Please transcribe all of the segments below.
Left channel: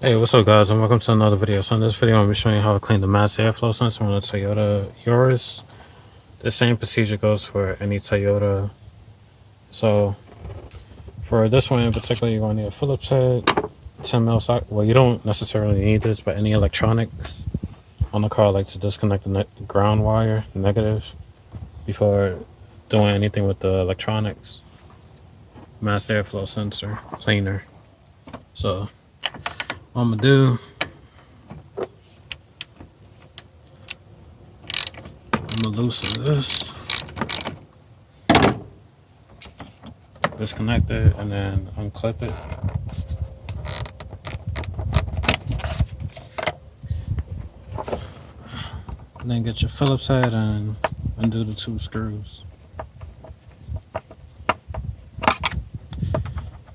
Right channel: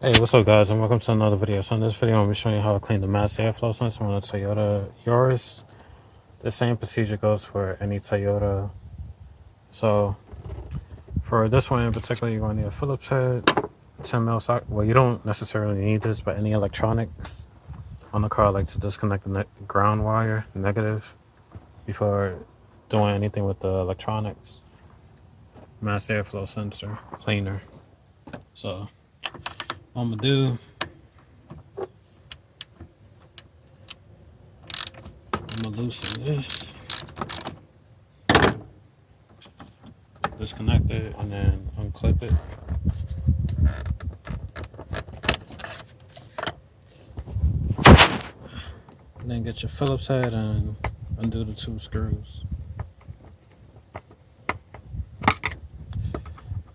Hey, what's up guys, and welcome to another video. So in this video, I'm going to be showing you how to clean the mass airflow sensor on a Toyota Yaris. The same procedure goes for any Toyota. So for this one in particular, you're going to need a Phillips head, 10mm socket. Well, you don't necessarily need this, but any electronics on the car, I like to disconnect the ground wire, negative, before doing anything with the electronics. Mass airflow sensor cleaner. So what I'm gonna do, I'm gonna loosen this, disconnect it, and then unclip it. And then get your Phillips head and undo the 2 screws.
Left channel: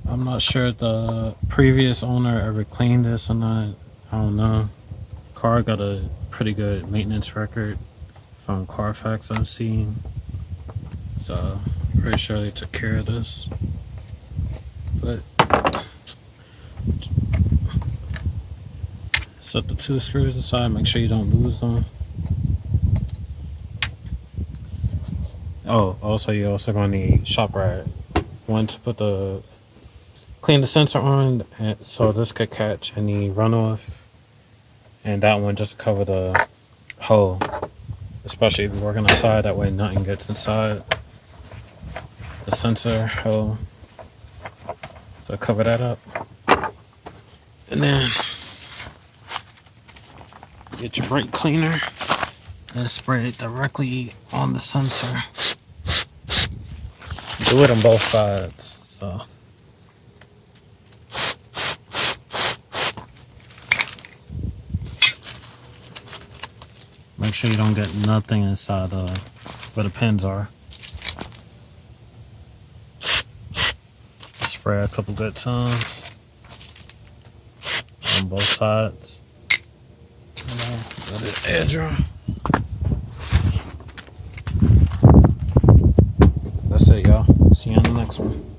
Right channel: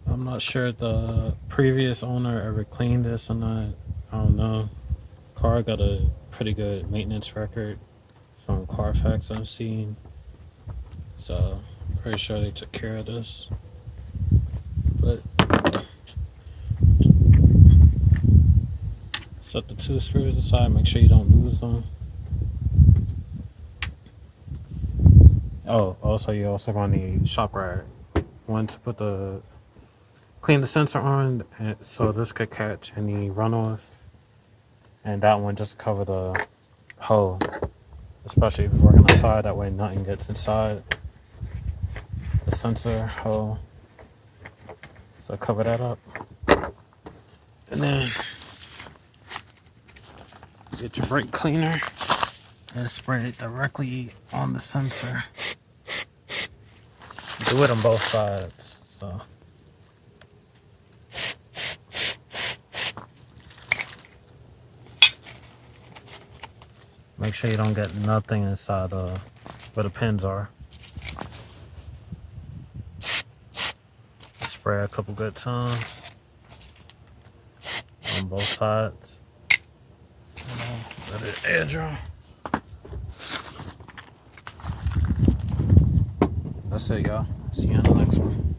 I'm not sure if the previous owner ever cleaned this or not. I don't know. Car got a pretty good maintenance record from Carfax I've seen. So pretty sure they took care of this. But set the 2 screws aside, make sure you don't lose them. Oh, also you also gonna need shop rag. One to put the clean the sensor on, and so this could catch any runoff, and that one just to cover the hole, especially if you're working outside. That way nothing gets inside the sensor hole. So cover that up, and then get your brake cleaner and spray it directly on the sensor. Do it on both sides. So make sure you don't get nothing inside where the pins are. Spray a couple good times on both sides. And then let it air dry. That's it, y'all. See you on the next one.